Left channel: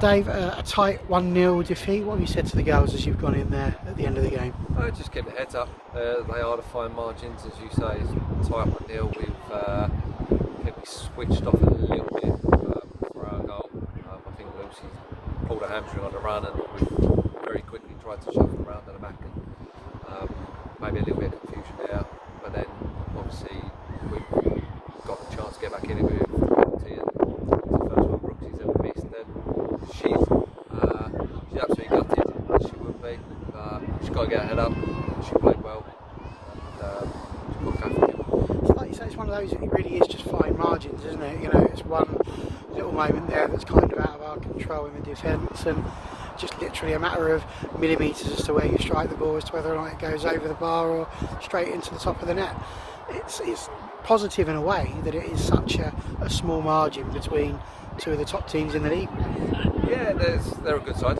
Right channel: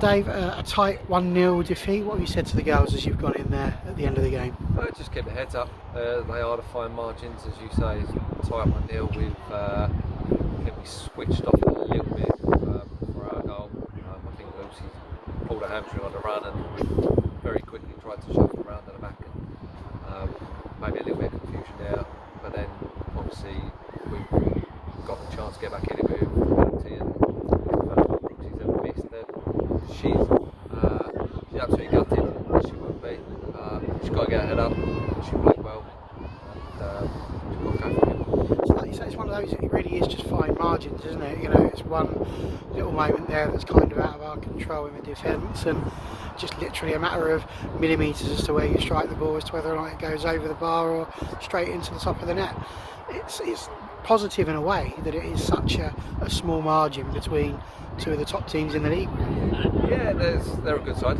Dave, a tight 1-0 defeat. What have you said to the girls as you've gone in there at the end of the game? Just keep the heads up. They are the fine margins, as you say. It's tight 1-0. I think we switched off a little bit for our goal. I think Lucy pulled a hamstring on the run, and we very quickly tried to shuffle around at the back, and maybe a little bit of confusion there. But then, obviously, we got the chance to get back in it with penalty, and it's the first one Brooksy's ever missed. And she's absolutely gutted, as she would be. She's got to get her head up. She played well, and she's got to go for it. So like you say, it's one of those, it really is just fine margins, isn't it? You know, it's one little moment there that's kind of out of our control in the defence, and just literally a matter of millimetres as to where you strike the ball, as to whether or not it goes over the bar or straight into the top of the net. It's positive in a way that it is such a small margin between two of the top teams in the league. Yeah, they're a good side.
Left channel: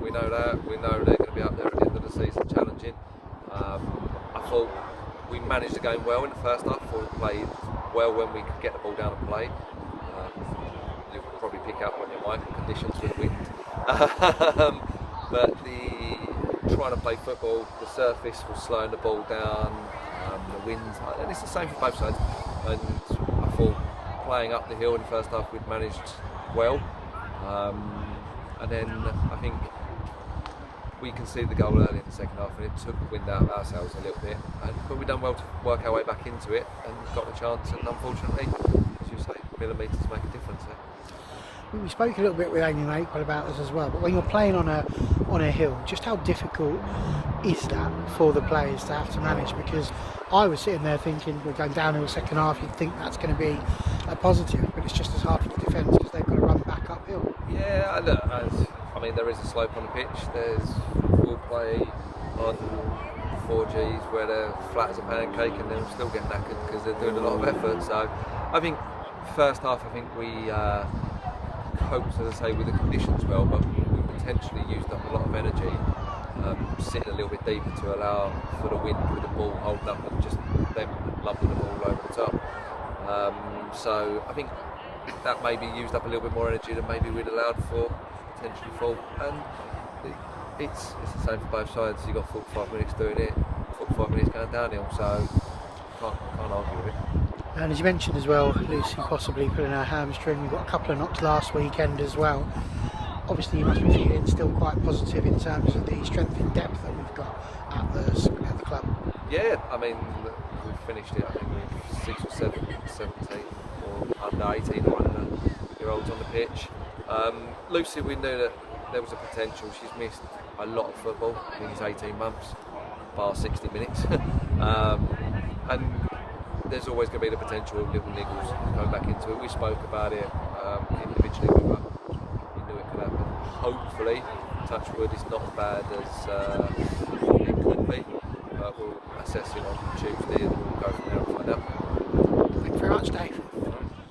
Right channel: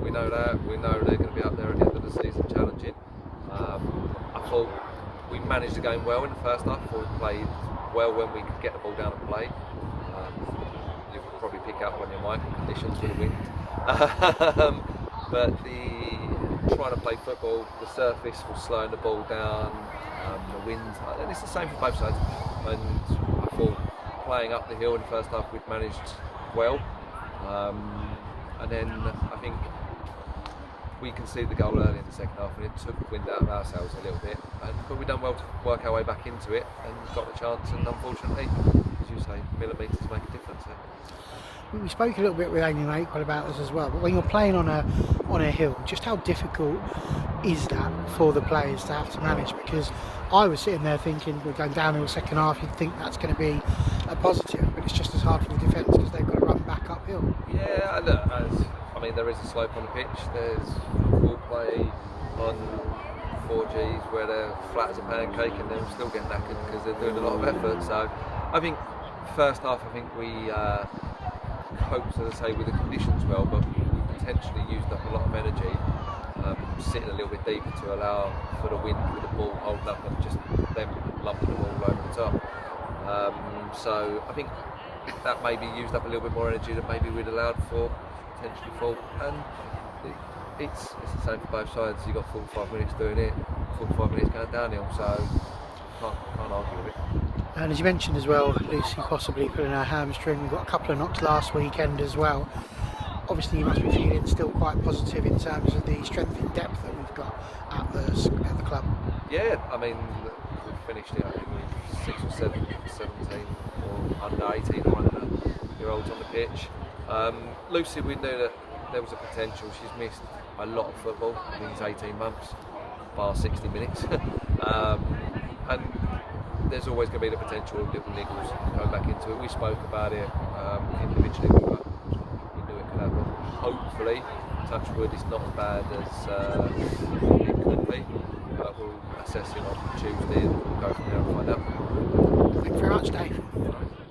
We know that. We know they're going to be up there at the end of the season challenging. I thought we managed the game well in the first half. I thought we played well when we could get the ball down and play. You'll probably pick up on your mic and conditions with the wind. But trying to play football, the surface was slowing the ball down, the wind, and it's the same for both sides. And I thought playing up the hill in the first half we'd managed well, and then I think we conceded the goal early in the second half, and it took the wind out of ourselves a little bit, but we've done well to work our way back into it and got the chance, and unfortunately, as you say, millimetres make a difference there. We spoke a little bit with Amy Maple about this as well, but when you're playing on a hill, just how difficult is that for the players to have to manage? Because I was sitting there thinking, we're going down in the second half, you'd think that's going to be a positive, but it's just as hard for the defence because they've got to run back uphill. Yeah, look, I mean, there is a slope on the pitch. We'll play on 4Gs where they're flat as a pancake and they'll still get knackered because they're doing a lot of effort. So I think first half, we coped, as I say, with the conditions well, but we potentially used up a lot of energy sitting a little bit deeper to allow for the wind with the ball holding up and just them lumping the ball over the top. So I think that maybe used up a little bit more energy than maybe we'd allowed for, potentially full. And it's the same for both sides. You've got 45 minutes doing it, 45 minutes going downhill, so can't argue with it. And as you mentioned as well, Lucy possibly putting her hamstring, got a couple of knocks last weekend as well. Obviously you must be feeling still quite positive in terms of the strength and depth that we've got at the club. Yeah, I mean, we've finished it, I think with 6 or 7, 17 or under 18 or under year olds on the pitch. Lucy, we knew that there was a potential. She's missed a lot of football. I think it's 18 months, bar 60 minutes. And there's always going to be the potential of little niggles going back into it. We spoke about it individually. We knew it could happen. Hopefully, touch wood, it's not as bad as it could be. But we'll assess it on Tuesday and we'll go from there and find out. Thank you very much, Dave.